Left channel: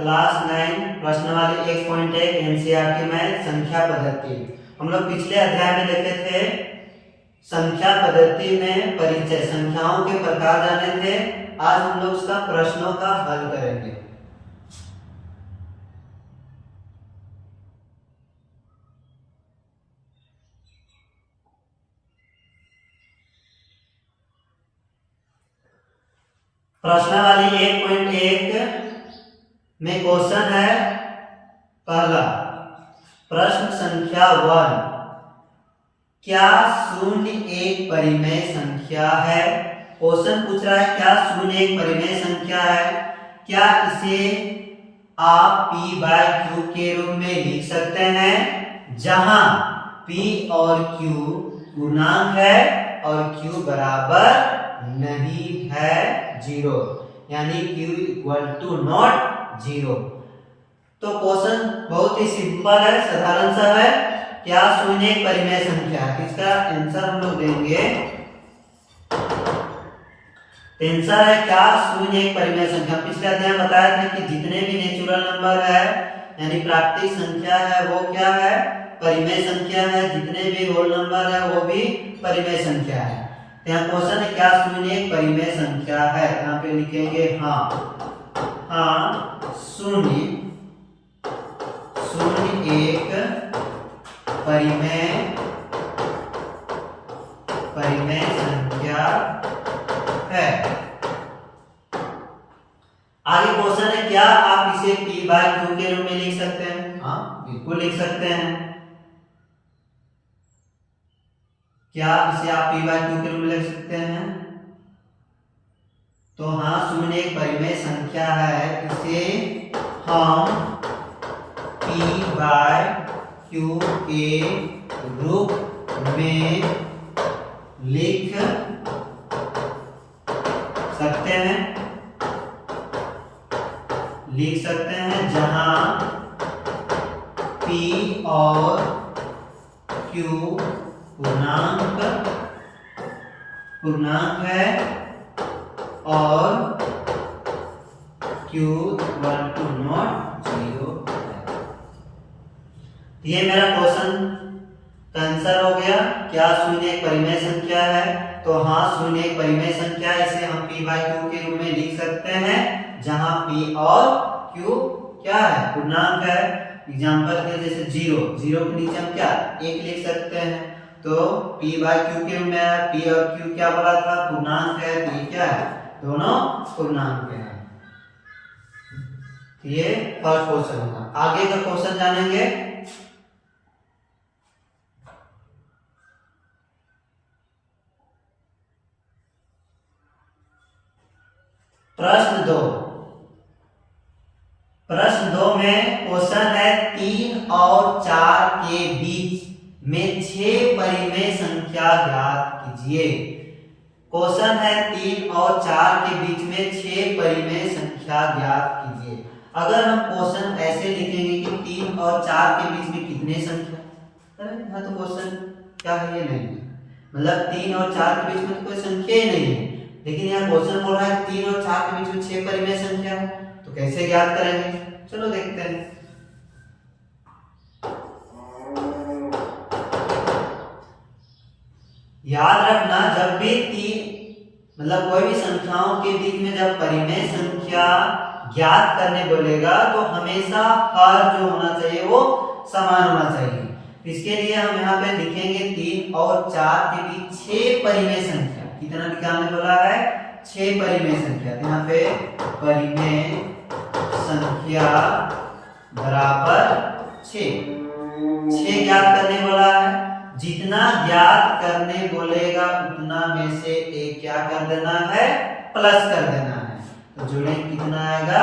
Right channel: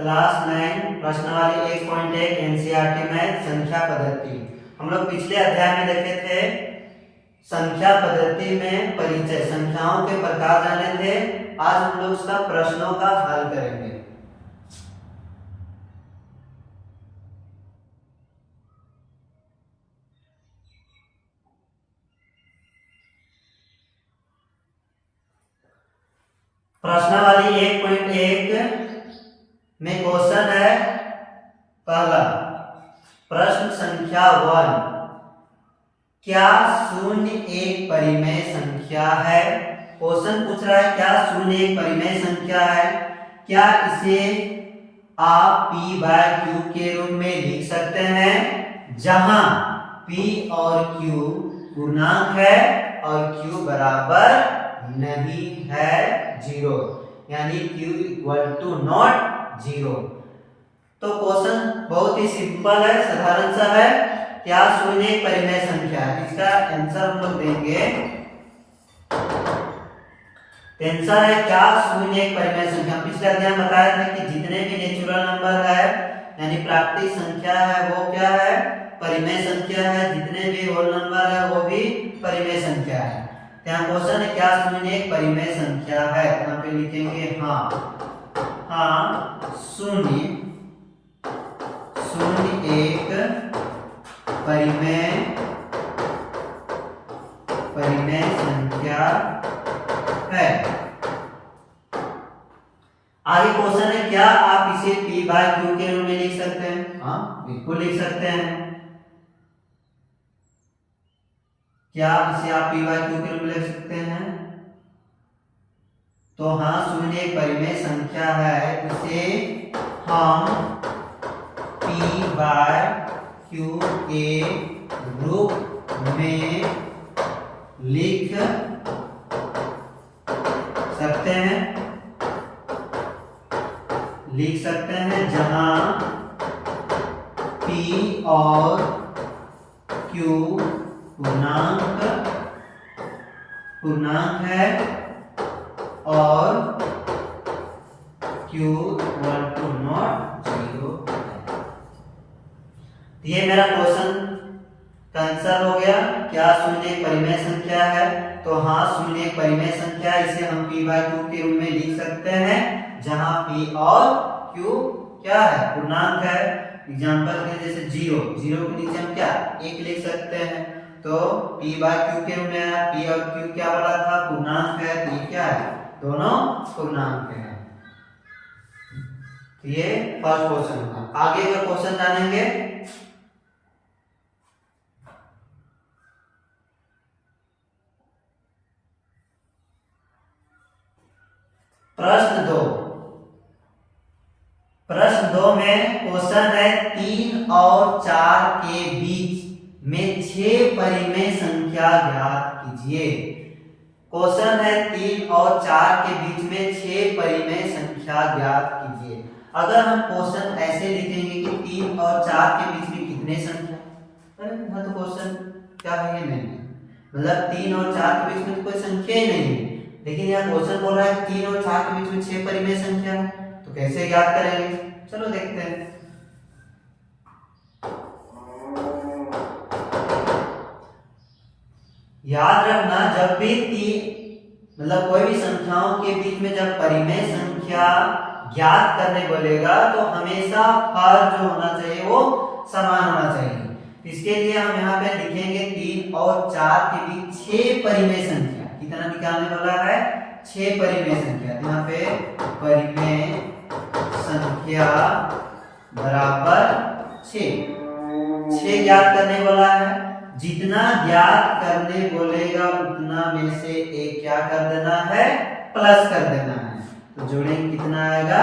Class 9 प्रश्नावली 1.1 NCERT में संख्या पद्धति। हम लोग पिछले अध्याय में देखे थे संख्या पद्धति में परिचय, संख्याओं के प्रकार जाने थे। आज हम लोग उसका प्रश्नों का हल करेंगे। प्रश्नावली 1.1 में क्वेश्चन है पहला प्रश्न संख्या 1, क्या शून्य एक परिमेय संख्या है? क्वेश्चन पूछ रहा है क्या शून्य एक परिमेय संख्या है? क्या इसे आप p बाय q के रूप में लिख सकते हैं जहां p और q पूर्णांक है और q बराबर नहीं है 0, यानी q इक्वल टू नॉट 0। तो क्वेश्चन बहुत ही सिंपल है, साधारण सा है। क्या शून्य एक परिमेय संख्या है? इसका आंसर हम लोग देंगे। आंसर है क्या शून्य एक परिमेय संख्या। पिछले अध्याय में बताया था कि जितने भी नेचुरल नंबर है यानी प्राकृतिक संख्या है वो क्या है? परिमेय संख्या है। जितने भी होल नंबर है वो भी परिमेय संख्या है। यहाँ क्वेश्चन है क्या शून्य एक परिमेय संख्या है? यहाँ पे लिखेंगे हाँ शून्य एक परिमेय संख्या है। आगे क्वेश्चन है क्या आप इसे p बाय q के रूप में लिख सकते हैं? हाँ बिल्कुल लिख सकते हैं। क्या इसे आप p बाय q के रूप में लिख सकते हैं? तो हाँ शून्य एक परिमेय संख्या है, इसे हम p बाय q के रूप में लिख सकते हैं जहां p और q पूर्णांक है और q इक्वल टू नॉट 0 है। ये मेरा क्वेश्चन का आंसर हो गया। क्या शून्य एक परिमेय संख्या है? तो हाँ शून्य एक परिमेय संख्या, इसे हम p बाय q के रूप में लिख सकते हैं जहां p और q क्या है? पूर्णांक है। एग्जांपल के जैसे 0 के नीचे हम क्या 1 लिख सकते हैं। तो p बाय q के रूप में है। p और q क्या बोला था? पूर्णांक है। तो ये क्या है? दोनों पूर्णांक है। ये फर्स्ट क्वेश्चन होगा। आगे का क्वेश्चन जानेंगे। प्रश्न 2 में क्वेश्चन है 3 और 4 के बीच में 6 परिमेय संख्या ज्ञात कीजिए। क्वेश्चन है 3 और 4 के बीच में 6 परिमेय संख्या ज्ञात कीजिए। अगर हम क्वेश्चन ऐसे लिखेंगे कि 3 और 4 के बीच में कितने संख्या, अरे तो क्वेश्चन क्या है? ये नहीं है, मतलब 3 और 4 के बीच में कोई संख्या ही नहीं है। लेकिन यह क्वेश्चन बोल रहा है 3 और 4 के बीच में 6 परिमेय संख्या है, तो कैसे ज्ञात करेंगे? चलो देखते हैं। याद रखना जब भी मतलब कोई भी संख्याओं के बीच में जब परिमेय संख्या ज्ञात करने बोलेगा तो हमेशा हर जो होना चाहिए वो समान होना चाहिए। इसके लिए हम यहाँ पे लिखेंगे 3 और 4 के बीच 6 परिमेय संख्या। कितना निकालने बोला है? 6 परिमेय संख्या। यहाँ पे परिमेय संख्या बराबर 6 ज्ञात करने वाला है। जितना ज्ञात करने बोलेगा उतना में से एक क्या कर देना है? प्लस कर देना है। तो जोड़ेंगे कितना आएगा?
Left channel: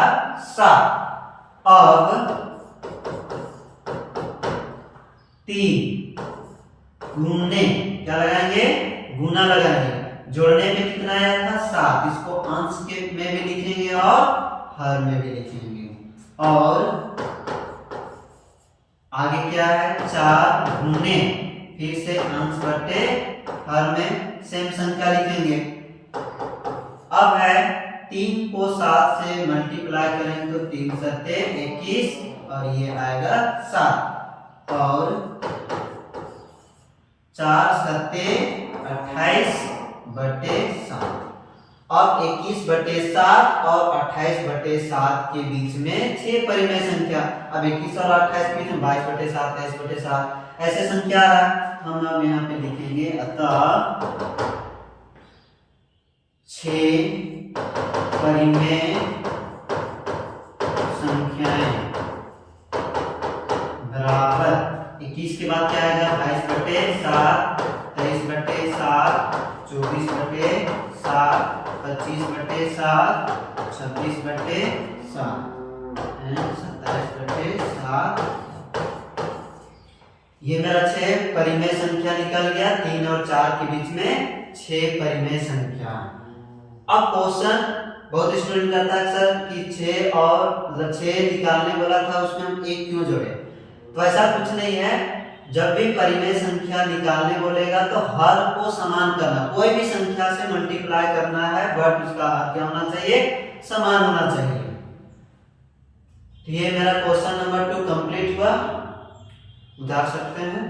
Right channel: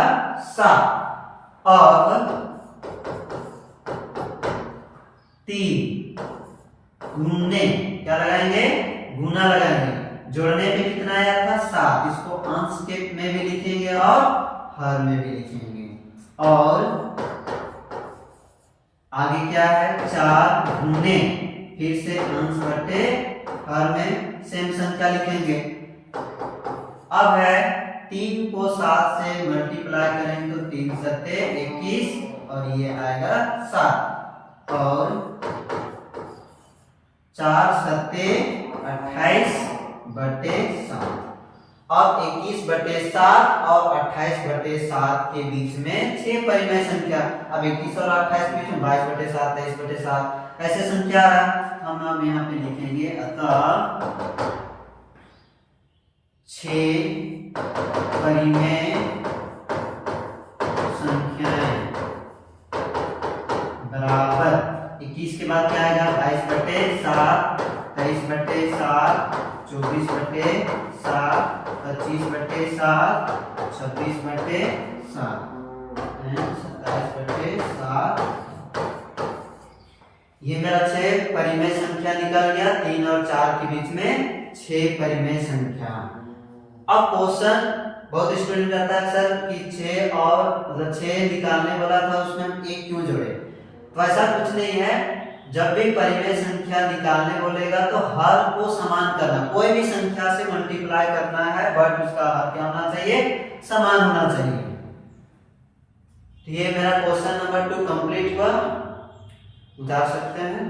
7। अब 3 गुणने क्या लगाएंगे? गुना लगाएंगे। जोड़ने में कितना आया था? 7। इसको अंश के में भी लिखेंगे और हर में भी लिखेंगे। और आगे क्या है? 4 गुणे फिर से अंश बटे हर में सेम संख्या लिखेंगे। अब है 3 को 7 से मल्टीप्लाई करेंगे तो 3 सत्ते 21 और ये आएगा 7 और 4 सत्ते 28/7। अब 21/7 और 28/7 के बीच में 6 परिमेय संख्या। अब 21 और 28 के बीच में 22/7 23/7 ऐसे संख्या है। हम अब यहाँ पे लिखेंगे अतः 6 परिमेय संख्याएं बराबर 21 के बाद क्या आएगा 22/7 23/7 24/7 25/7 26/7 27/7। ये मेरा 6 परिमेय संख्या निकल गया। 3 और 4 के बीच में 6 परिमेय संख्या। अब क्वेश्चन बहुत स्टूडेंट करता है सर कि 6 और मतलब 6 निकालने वाला था उसमें हम 1 क्यों जोड़े। तो ऐसा कुछ नहीं है। जब भी परिमेय संख्या निकालने बोलेगा तो हर को समान करना, कोई भी संख्या से मल्टीप्लाई करना है बट उसका हर क्या होना चाहिए, समान होना चाहिए। तो ये मेरा क्वेश्चन नंबर 2 कंप्लीट हुआ। उतार सकते हैं।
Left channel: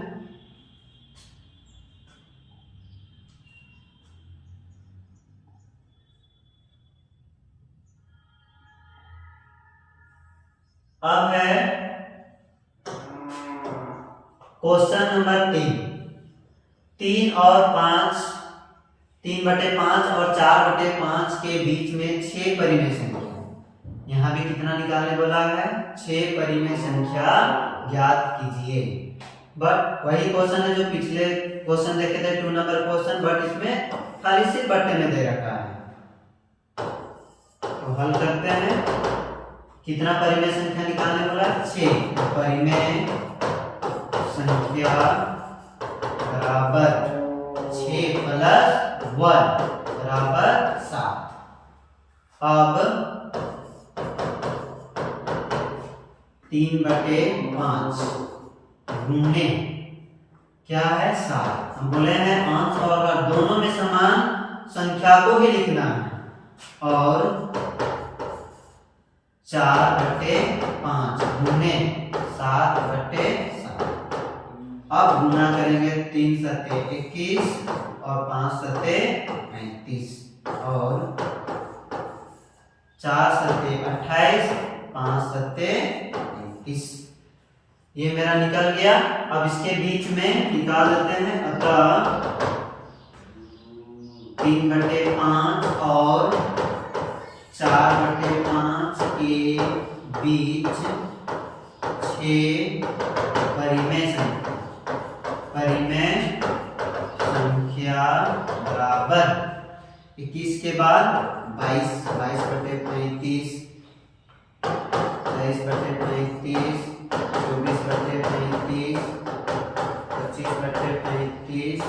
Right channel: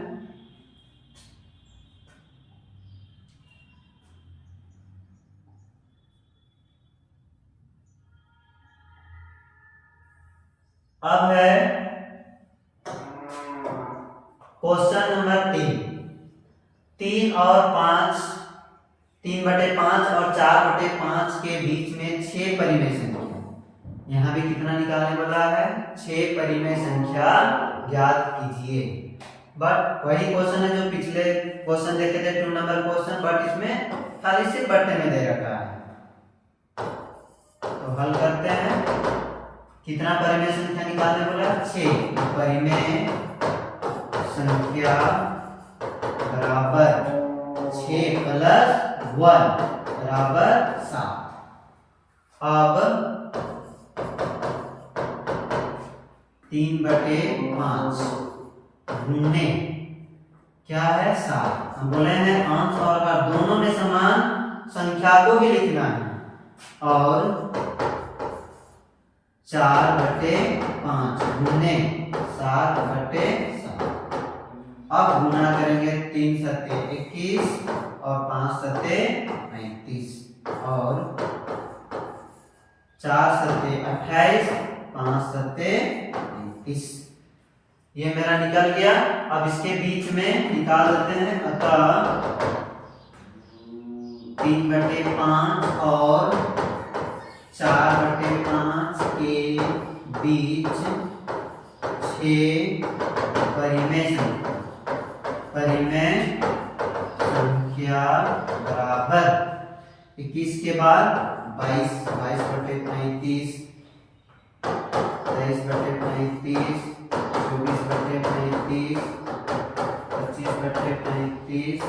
अब है क्वेश्चन नंबर 3 और 5, 3/5 और 4/5 के बीच में 6 परिमेय संख्या। यहाँ भी कितना निकालने वाला है, 6 परिमेय संख्या ज्ञात कीजिए। बट वही क्वेश्चन है जो पिछले क्वेश्चन देखे थे 2 नंबर क्वेश्चन, बट इसमें खाली से बट्टे में दे रखा है। तो हल करते हैं। कितना परिमेय संख्या निकालने वाला, 6 परिमेय संख्या बराबर 6 + 1 बराबर 7। अब 3/5 गुणे क्या है 7। हम बोले हैं अंश और भाग दोनों में समान संख्या को ही लिखना है। और 4/5 गुणे 7/7। अब गुणा करेंगे 3 सत्ते 21 और 5 सत्ते 35 और 4 सत्ते 28 5 सत्ते 31। ये मेरा निकल गया। अब इसके बीच में निकाल देते हैं। अतः 3/5 और 4/5 के बीच 6 परिमेय संख्या बराबर 21 के बाद 22 22/35 23/35 24/35 25/35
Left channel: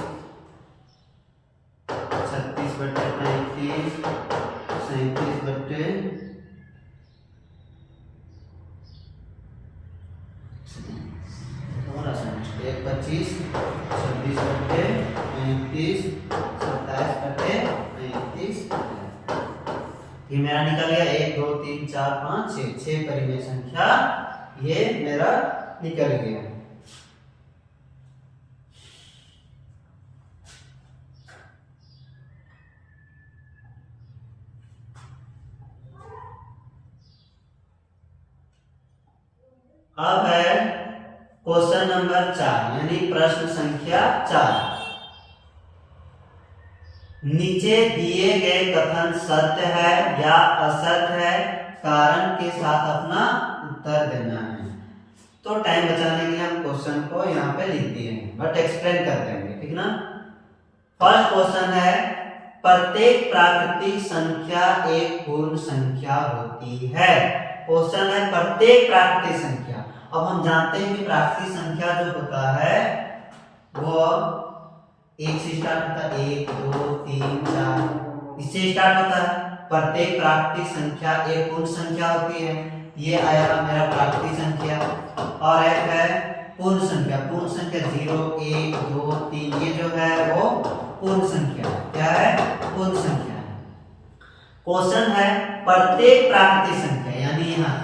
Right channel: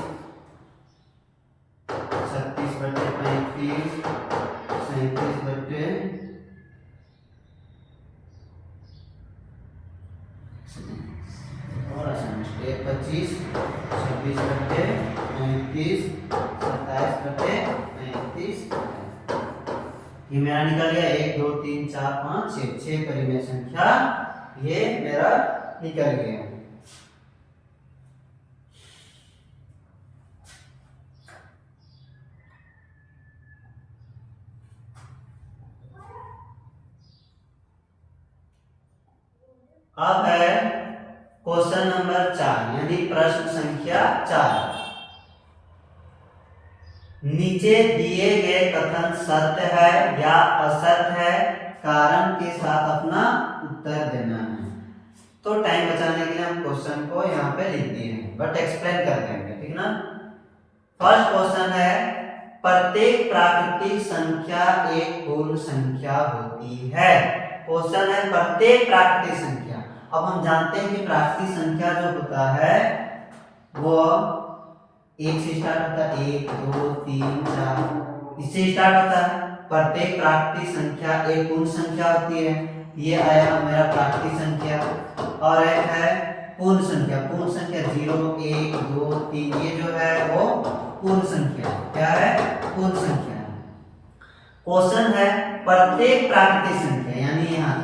36/35 37/35 25 26/35 27/35। ये मेरा निकल गया 1 2 3 4 5 6 परिमेय संख्या ये मेरा निकल गया। अब है क्वेश्चन नंबर 4 यानी प्रश्न संख्या 4। नीचे दिए गए कथन सत्य है या असत्य है, कारण के साथ अपना उत्तर देना है। तो टाइम बचाने के लिए हम क्वेश्चन को यहाँ पे लिख दिए हैं, बट एक्सप्लेन कर देंगे, ठीक ना। फर्स्ट क्वेश्चन है, प्रत्येक प्राकृतिक संख्या एक पूर्ण संख्या होती है। क्वेश्चन है प्रत्येक प्राकृतिक संख्या। अब हम जानते हैं कि प्राकृतिक संख्या जो होता है वो 1 से स्टार्ट होता है, 1 2 3 4 इससे स्टार्ट होता है। प्रत्येक प्राकृतिक संख्या एक पूर्ण संख्या होती है। ये आया मेरा प्राकृतिक संख्या। और एक है पूर्ण संख्या। पूर्ण संख्या 0 1 2 3 ये जो है वो पूर्ण संख्या। क्या है, पूर्ण संख्या है। क्वेश्चन है प्रत्येक प्राकृतिक संख्या, यानी यहाँ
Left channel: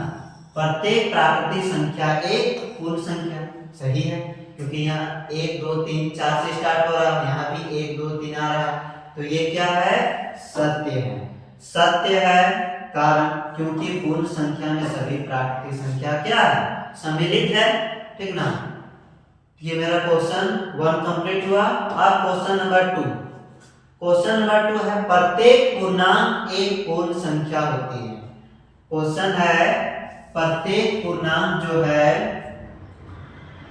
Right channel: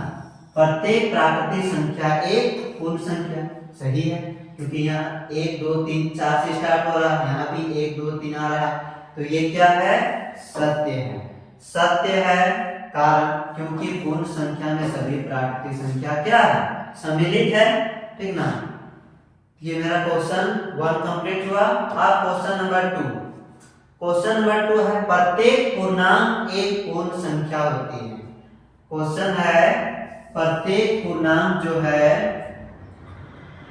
प्रत्येक प्राकृतिक संख्या एक पूर्ण संख्या। सही है, क्योंकि यहाँ 1 2 3 4 से स्टार्ट हो रहा है, यहाँ भी 1 2 3 आ रहा है, तो ये क्या है? सत्य है। सत्य है कारण क्योंकि पूर्ण संख्या में सभी प्राकृतिक संख्या क्या है? सम्मिलित है। ठीक ना, ये मेरा क्वेश्चन 1 कंप्लीट हुआ। अब क्वेश्चन नंबर 2। क्वेश्चन नंबर 2 है प्रत्येक पूर्णांक एक पूर्ण संख्या होती है। क्वेश्चन है प्रत्येक पूर्णांक जो है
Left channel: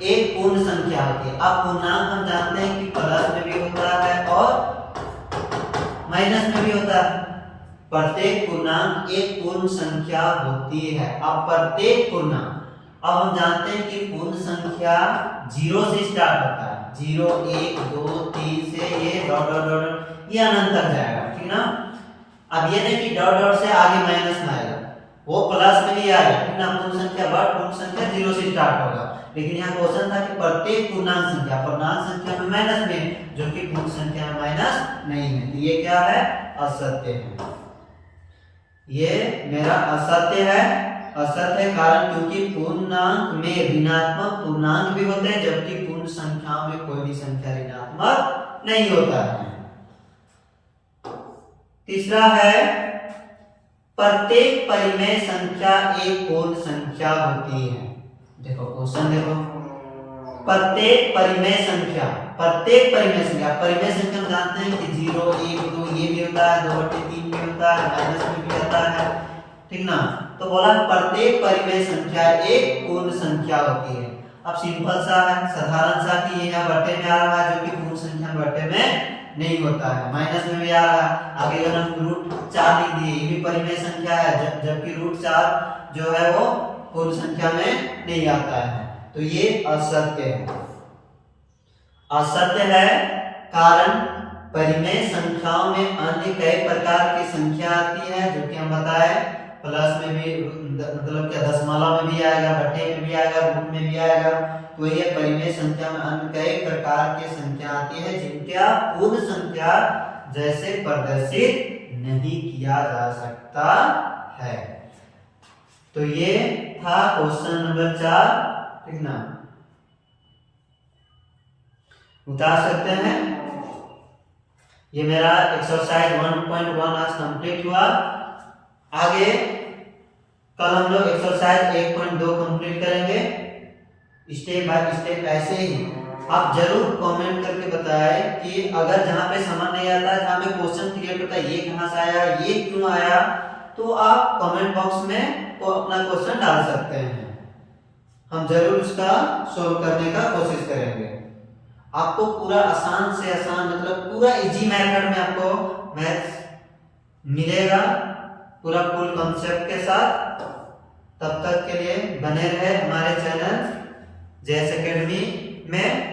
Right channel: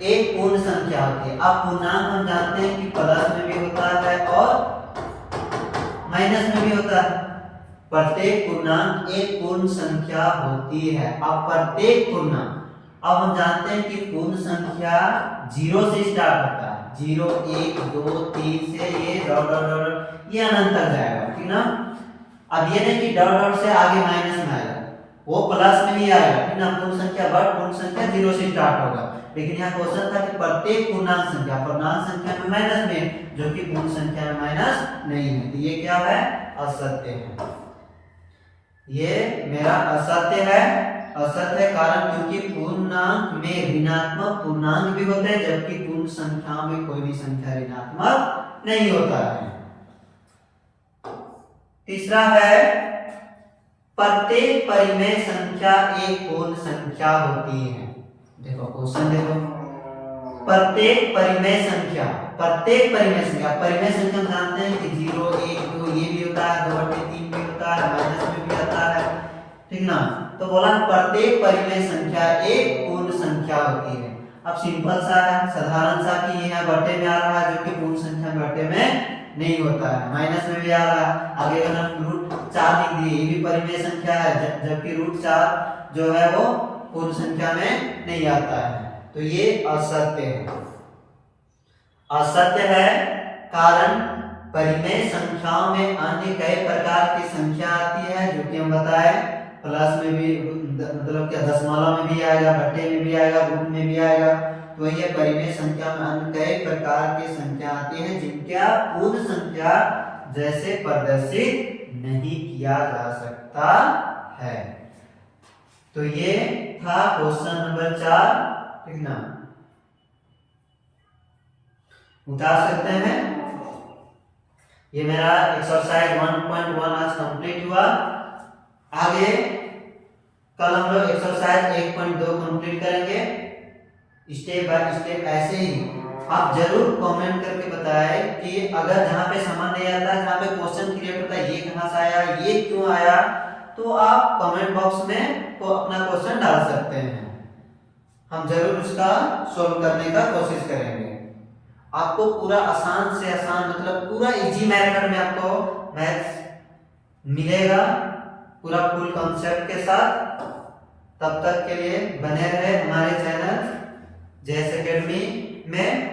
एक पूर्ण संख्या होती है। अब पूर्णांक हम जानते हैं कि प्लस में भी होता है और माइनस में भी होता है। प्रत्येक पूर्णांक एक पूर्ण संख्या होती है। अब प्रत्येक पूर्णांक, अब हम जानते हैं कि पूर्ण संख्या 0 से स्टार्ट होता है। 0 1 2 3 से ये डॉट डॉट डॉट ये अनंत तक जाएगा। ठीक ना, अब ये नहीं कि डॉट डॉट से आगे माइनस में आएगा, वो प्लस में ही आएगा। ठीक ना, पूर्ण संख्या बट पूर्ण संख्या 0 से स्टार्ट होगा। लेकिन यहाँ क्वेश्चन था कि प्रत्येक पूर्णांक संख्या में माइनस में, जो कि पूर्ण संख्या में माइनस नहीं है, तो ये क्या है? असत्य है। ये मेरा असत्य है। असत्य है कारण क्योंकि पूर्णांक में ऋणात्मक पूर्णांक भी होते हैं, जबकि पूर्ण संख्याओं में कोई भी संख्या ऋणात्मक नहीं होता है। तीसरा है प्रत्येक परिमेय संख्या एक पूर्ण संख्या होती है। देखो क्वेश्चन देखो, प्रत्येक परिमेय संख्या, प्रत्येक परिमेय संख्या, परिमेय संख्या हम जानते हैं कि 0 1 2 ये भी होता है, 2/3 भी होता है, माइनस में भी आता है। ठीक ना, तो बोला प्रत्येक परिमेय संख्या एक पूर्ण संख्या होती है। अब सिंपल सा है, साधारण सा कि ये यहाँ बट्टे में आ रहा है, जो कि पूर्ण संख्या में बट्टे में नहीं होता है, माइनस में भी आ रहा है। आगे अगर हम √4 लिख दिए, ये भी परिमेय संख्या है, जबकि √4 जो है वो पूर्ण संख्या में नहीं आता है, तो ये असत्य है। असत्य है कारण परिमेय संख्याओं में अन्य कई प्रकार की संख्या आती है, जो कि हम बताए प्लस में भी, मतलब क्या दशमलव में भी आएगा, बट्टे में भी आएगा, रूट में भी आएगा। तो ये परिमेय संख्या में अन्य कई प्रकार की संख्या आती है जिनका पूर्ण संख्या जैसे प्रदर्शित नहीं किया जा सकता है। तो ये था क्वेश्चन नंबर 4। ठीक ना, उतार सकते हैं। ये मेरा एक्सरसाइज 1.1 आज कंप्लीट हुआ। आगे कल हम लोग एक्सरसाइज 1.2 कंप्लीट करेंगे, स्टेप बाय स्टेप। ऐसे ही आप जरूर कमेंट करके बताएं कि अगर जहाँ पे समझ नहीं आता है, जहाँ पे क्वेश्चन क्रिएट होता है, ये कहाँ से आया, ये क्यों आया, तो आप कमेंट बॉक्स में तो अपना क्वेश्चन डाल सकते हैं। हम जरूर उसका सॉल्व करने का कोशिश करेंगे। आपको पूरा आसान से आसान, मतलब पूरा इजी मेथड में आपको मैथ्स मिलेगा, पूरा फुल कॉन्सेप्ट के साथ। तब तक के लिए बने रहे हमारे चैनल जेएस एकेडमी में।